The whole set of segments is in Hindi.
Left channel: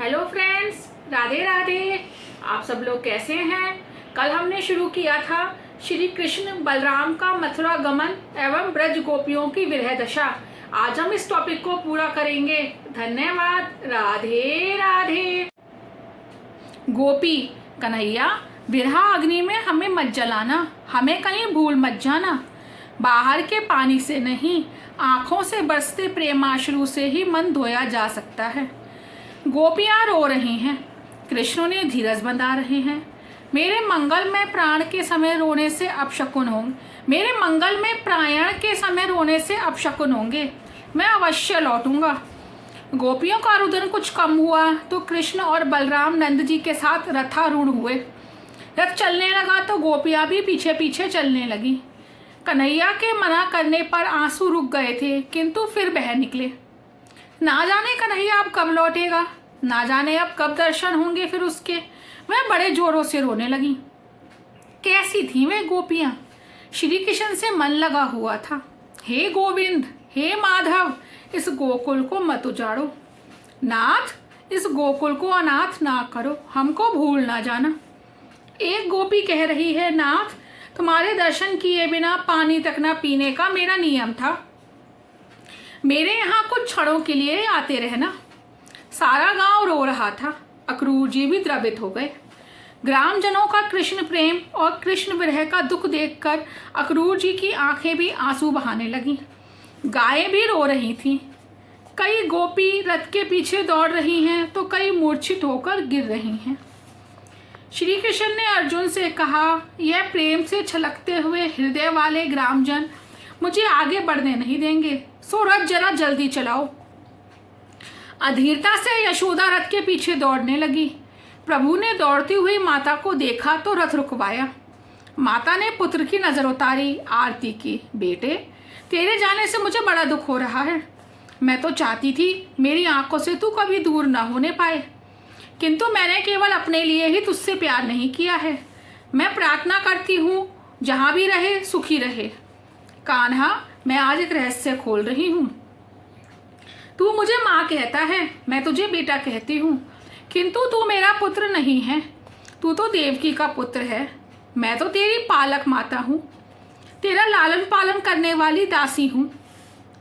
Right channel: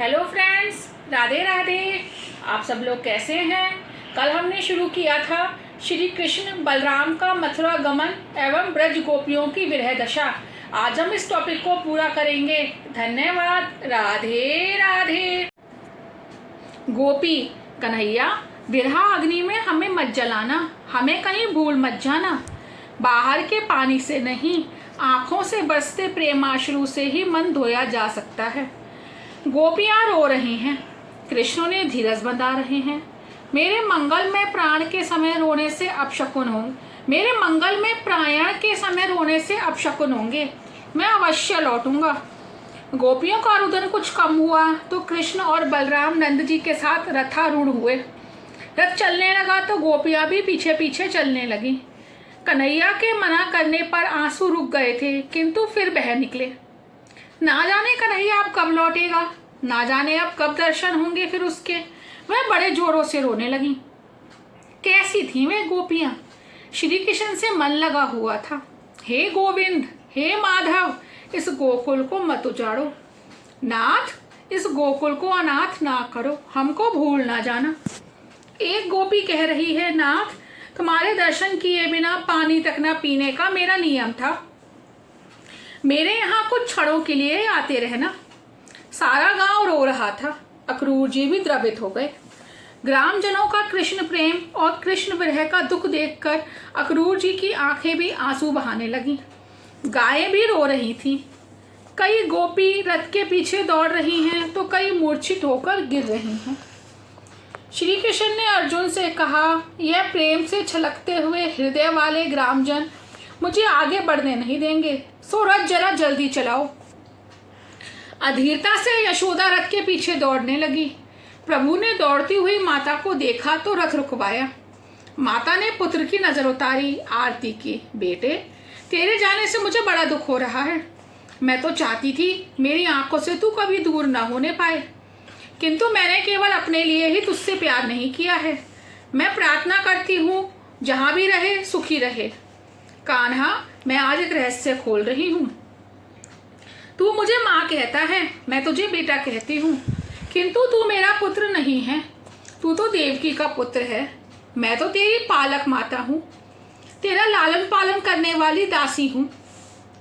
Hello friends, Radhe Radhe. आप सब लोग कैसे हैं? कल हमने शुरू किया था श्री कृष्ण बलराम का मथुरा गमन एवं ब्रज गोपियों की विरह दशा। आज हम इस टॉपिक को पूरा करेंगे। धन्यवाद। राधे राधे। गोपी कन्हैया, विरह अग्नि में हमें मत जलाना, हमें कहीं भूल मत जाना। बाहर के पानी से नहीं, आंखों से बरसते प्रेमाश्रु से ही मन धोया जा सकता है। गोपियां रो रही हैं, कृष्ण ने धीरज बंधा रहे हैं। मेरे मंगल में प्राण के समय रोने से अपशकुन होंगे, मेरे मंगल में प्राण के समय रोने से अपशकुन होंगे। मैं अवश्य लौटूंगा। गोपियों का रुदन कुछ कम हुआ तो कृष्ण और बलराम नंद जी के साथ रथारूढ़ हुए। रथ चलने लगा तो गोपियां भी पीछे पीछे चलने लगी। कन्हैया के मना करने पर आंसू रुक गए थे, किंतु फिर बह निकले। ना जाने कन्हैया अब कब लौटेगा, ना जाने अब कब दर्शन होंगे फिर उसके। वह बड़े जोरों से रोने लगी। कैसी थी वे गोपियां? श्री कृष्ण से मन लगा हुआ था। हे गोविंद, हे माधव, इस गोकुल को मत उजाड़ो। नाथ, इस गोकुल को अनाथ ना करो, हमको भूल ना जाना। एक गोपी कह रही है, नाथ, तुम्हारे दर्शन किए बिना पानी तक न पीने का मेरा नियम था। मेरे यहाँ कुछ क्षणों के लिए आते रहना। सारा गांव रो रहा था। अक्रूर जी भी द्रवित हो गए। ग्रामजनों का कृष्ण प्रेम और कृष्ण विरह का दुख देखकर अक्रूर जी की आंखें भी आंसू बहाने लगी। गायें भी रो रही थीं। कई गोपी रथ के पीछे दौड़ रही हैं तो कई मूर्छित होकर गिर रही हैं। श्री कृष्ण ने अर्जुन से कहा, यह प्रेम से छलकते हुए हृदय वाले ग्रामजन मुझे आगे बढ़ने नहीं देंगे, सो रथ जरा जल्दी चलाओ। अधीरता से यशोदा रथ के पीछे दौड़ने लगी। प्रभु ने दौड़ती हुई माता को देखा तो रथ रुकवाया। माता ने पुत्र की नजर उतारी, आरती की। बेटे, तेरे जाने से मुझे बड़ा दुख हो रहा है। मैं तो चाहती थी मेरी आंखों से तू कभी दूर न होने पाए, किंतु मैंने केवल अपने लिए ही तुझसे प्यार नहीं किया है। मैं प्रार्थना करती हूँ जहां भी रहे सुखी रहे। कान्हा, मैं आज एक रहस्य खोल रही हूँ। तू मुझे माँ कहता है, मैं तुझे बेटा कहती हूँ, किंतु तू मेरा पुत्र नहीं है। तू तो देवकी का पुत्र है। मैं तो तेरी पालक माता हूँ, तेरा लालन पालन करने वाली दासी हूँ।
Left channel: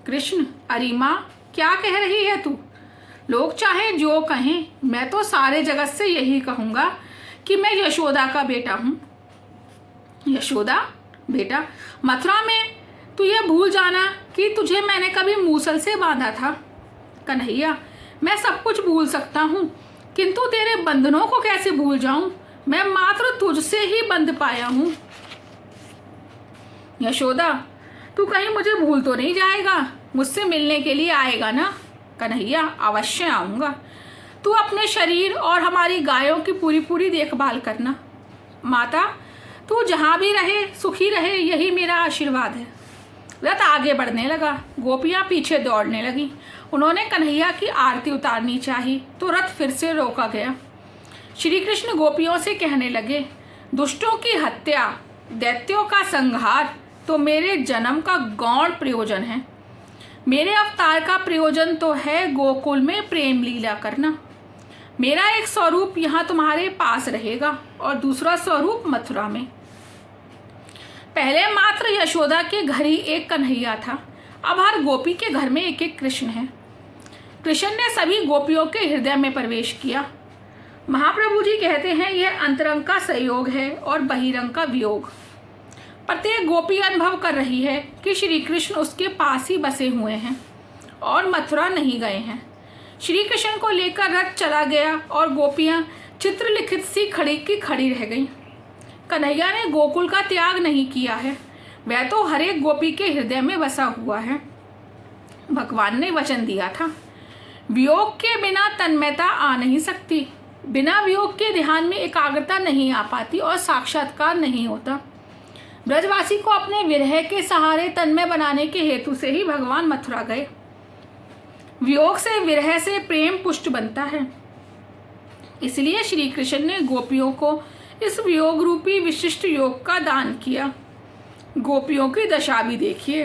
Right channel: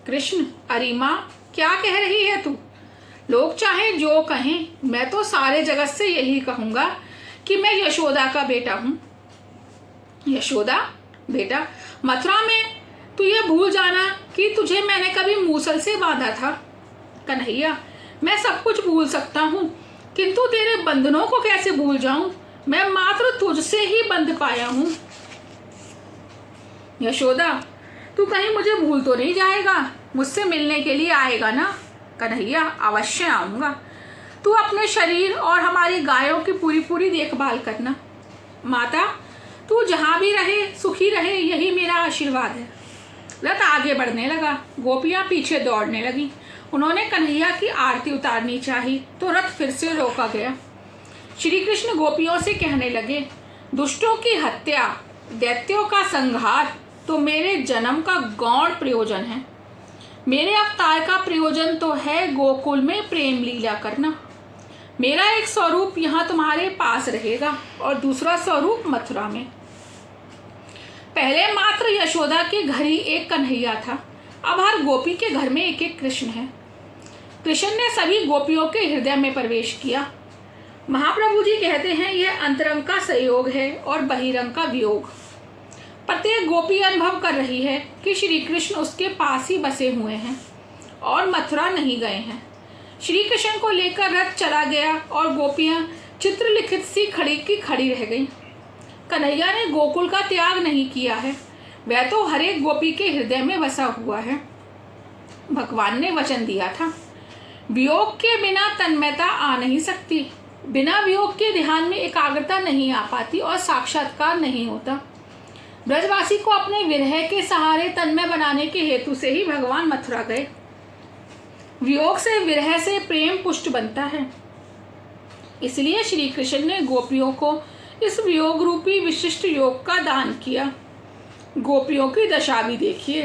कृष्ण, अरे माँ, क्या कह रही है तू? लोग चाहे जो कहें, मैं तो सारे जगत से यही कहूंगा कि मैं यशोदा का बेटा हूँ। यशोदा बेटा? मथुरा में तू यह भूल जाना कि तुझे मैंने कभी मूसल से बांधा था। कन्हैया, मैं सब कुछ भूल सकता हूँ, किंतु तेरे बंधनों को कैसे भूल जाऊं? मैं मात्र तुझसे ही बंध पाया हूँ। यशोदा, तू कहीं मुझे भूल तो नहीं जाएगा? मुझसे मिलने के लिए आएगा ना? कन्हैया, अवश्य आऊंगा। तू अपने शरीर और हमारी गायों की पूरी पूरी देखभाल करना। माता, तू जहां भी रहे सुखी रहे, यही मेरा आशीर्वाद है। रथ आगे बढ़ने लगा। गोपियां पीछे दौड़ने लगी। उन्होंने कन्हैया की आरती उतारनी चाही तो रथ फिर से रोका गया। श्री कृष्ण गोपियों से कहने लगे, दुष्टों की हत्या, दैत्यों का संहार तो मेरे जन्म का गौण प्रयोजन है। मेरे अवतार का प्रयोजन तो है गोकुल में प्रेम लीला करना। मेरा एक स्वरूप यहाँ तुम्हारे पास रहेगा और दूसरा स्वरूप मथुरा में। पहले मात्र यशोदा के घर ही एक कन्हैया था, अब हर गोपी के घर में एक एक कृष्ण है। कृष्ण ने सभी गोपियों के हृदय में प्रवेश किया। महाप्रभु जी कहते हैं, यह अंतरंग का संयोग है और बहिरंग का वियोग। प्रत्येक गोपी अनुभव कर रही है कि श्री कृष्ण उसके पास ही बसे हुए हैं और मथुरा नहीं गए हैं। श्री कृष्ण को लेकर रथ चला गया और गोपियां चित्रलिखित सी खड़ी की खड़ी रह गईं। कन्हैया ने गोकुल का त्याग नहीं किया है, वह तो हर एक गोपी के हृदय में बसा हुआ है। भगवान ने वचन दिया था, वियोग के बिना तन्मयता आ नहीं सकती, बिना वियोग के ध्यान में एकाग्रता नहीं आ पाती और साक्षात्कार नहीं होता। ब्रजवासी को अपने विरह के सहारे तन्मय बनाने के हेतु से ही भगवान मथुरा गए। वियोग से, विरह से प्रेम पुष्ट बनता है। इसलिए श्री कृष्ण ने गोपियों को इस वियोग रूपी विशिष्ट योग का दान किया। गोपियों की दशा भी देखिए।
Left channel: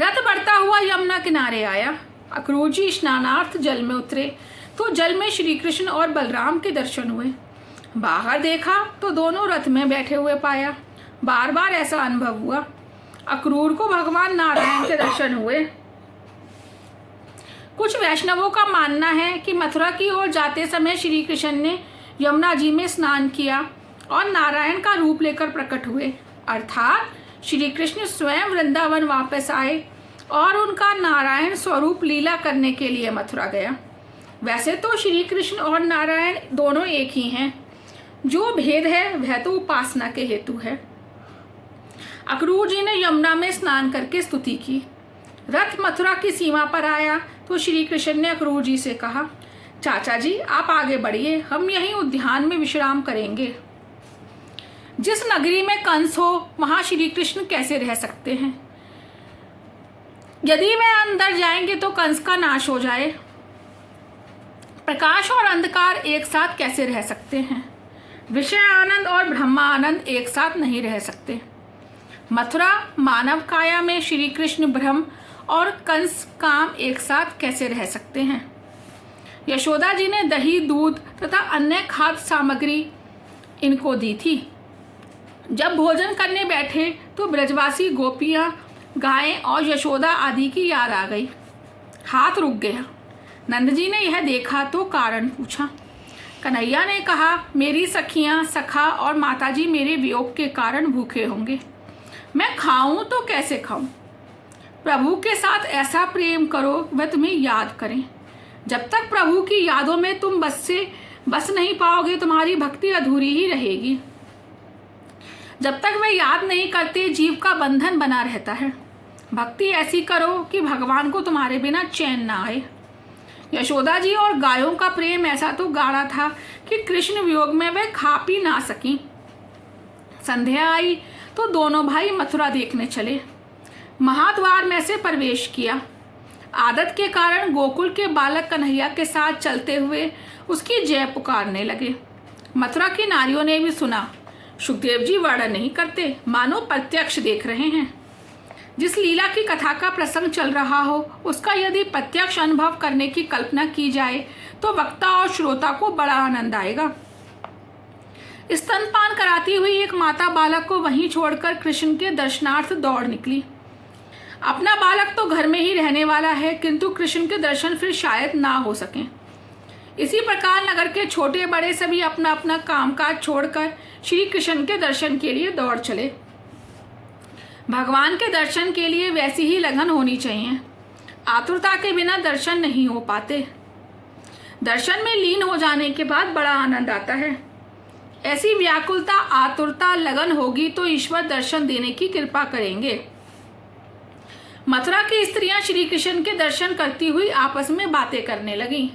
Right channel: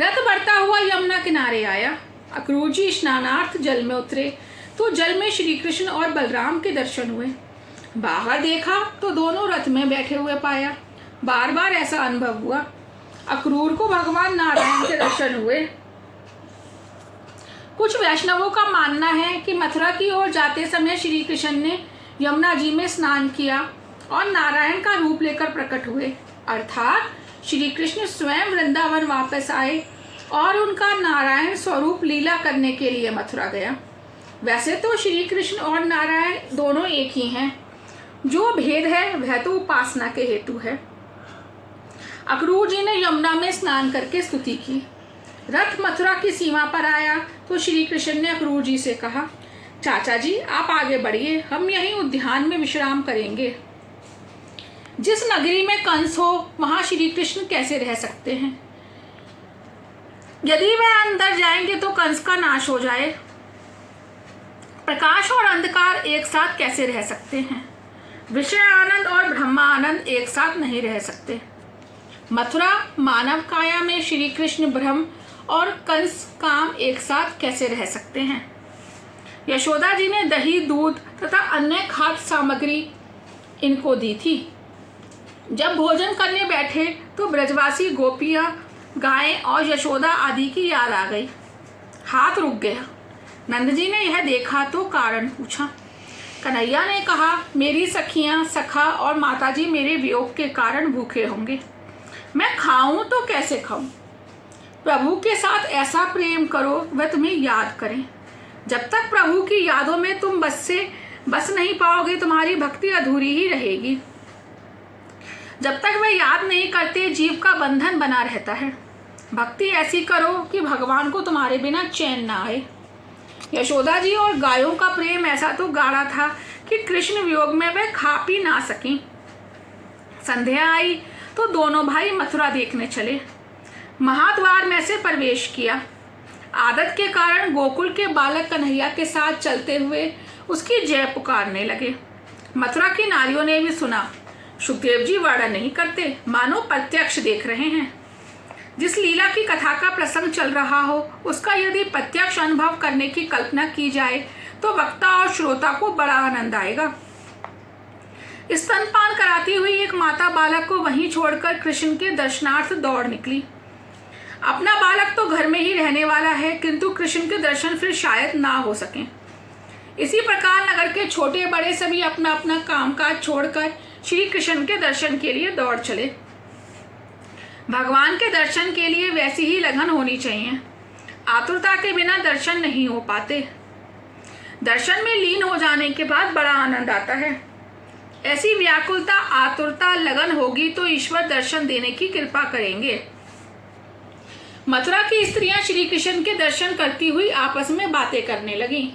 रथ बढ़ता हुआ यमुना किनारे आया। अक्रूर जी स्नानार्थ जल में उतरे तो जल में श्री कृष्ण और बलराम के दर्शन हुए। बाहर देखा तो दोनों रथ में बैठे हुए पाया। बार बार ऐसा अनुभव हुआ। अक्रूर को भगवान नारायण के दर्शन हुए। कुछ वैष्णवों का मानना है कि मथुरा की ओर जाते समय श्री कृष्ण ने यमुना जी में स्नान किया और नारायण का रूप लेकर प्रकट हुए, अर्थात श्री कृष्ण स्वयं वृंदावन वापस आए और उनका नारायण स्वरूप लीला करने के लिए मथुरा गया। वैसे तो श्री कृष्ण और नारायण दोनों एक ही हैं, जो भेद है वह तो उपासना के हेतु है। अक्रूर जी ने यमुना में स्नान करके स्तुति की। रथ मथुरा की सीमा पर आया तो श्री कृष्ण ने अक्रूर जी से कहा, चाचा जी आप आगे बढ़िए, हम यहीं उद्यान में विश्राम करेंगे। जिस नगरी में कंस हो वहां श्री कृष्ण कैसे रह सकते हैं? यदि वह अंदर जाएंगे तो कंस का नाश हो जाए। प्रकाश और अंधकार एक साथ कैसे रह सकते हैं? विषय आनंद और ब्रह्म आनंद एक साथ नहीं रह सकते। मथुरा मानव काया में श्री कृष्ण ब्रह्म और कंस काम एक साथ कैसे रह सकते हैं? यशोदा जी ने दही, दूध तथा अन्य खाद्य सामग्री इनको दी थी। जब भोजन करने बैठे तो ब्रजवासी गोपियां, गायें और यशोदा आदि की याद आ गई। हाथ रुक गया। नंद जी ने यह देखा तो कारण पूछा। कन्हैया ने कहा, मेरी सखियां, सखा और माताजी मेरे वियोग के कारण भूखे होंगे। मैं खाऊं तो कैसे खाऊं? प्रभु के साथ ऐसा प्रेम करो वह तुम्हें याद करें। जब तक प्रभु की यादों में तुम बस नहीं पाओगे, तुम्हारी भक्ति अधूरी ही रहेगी। जब तक वे याद नहीं करते, जीव का बंधन बना रहता है। भक्ति ऐसी करो कि भगवान को तुम्हारे बिना चैन ना आए। यशोदा जी और गायों का प्रेम ऐसा तो गाढ़ा था कि कृष्ण वियोग में वे खा पी ना सकी। संध्या आई तो दोनों भाई मथुरा देखने चले। महाद्वार में से प्रवेश किया। आदत के कारण गोकुल के बालक कन्हैया के साथ चलते हुए उसकी जय पुकारने लगे। मथुरा की नारियों ने भी सुना। सुखदेव जी वर्णन नहीं करते, मानो प्रत्यक्ष देख रहे हैं। जिस लीला की कथा का प्रसंग चल रहा हो उसका यदि प्रत्यक्ष अनुभव करने की कल्पना की जाए तो वक्ता और श्रोता को बड़ा आनंद आएगा। स्तनपान कराती हुई एक माता बालक को वहीं छोड़कर कृष्ण के दर्शनार्थ दौड़ निकली। अपना बालक तो घर में ही रहने वाला है, किंतु कृष्ण के दर्शन फिर शायद ना हो सके। इसी प्रकार नगर के छोटे बड़े सभी अपना अपना कामकाज छोड़कर श्री कृष्ण के दर्शन के लिए दौड़ चले। भगवान के दर्शन के लिए वैसी ही लगन होनी चाहिए। आतुरता के बिना दर्शन नहीं हो पाते। दर्शन में लीन हो जाने के बाद बड़ा आनंद आता है। ऐसी व्याकुलता, आतुरता, लगन होगी तो ईश्वर दर्शन देने की कृपा करेंगे। मथुरा की स्त्रियां श्री कृष्ण के दर्शन करती हुई आपस में बातें करने लगी।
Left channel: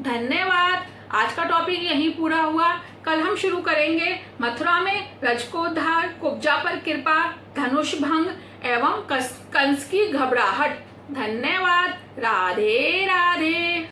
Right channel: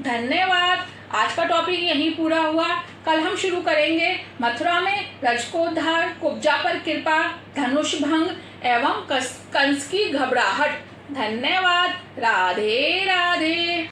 धन्यवाद। आज का टॉपिक यहीं पूरा हुआ। कल हम शुरू करेंगे मथुरा में रजकोद्धार, कुब्जा पर कृपा, धनुष भंग एवं कंस की घबराहट। धन्यवाद। राधे राधे।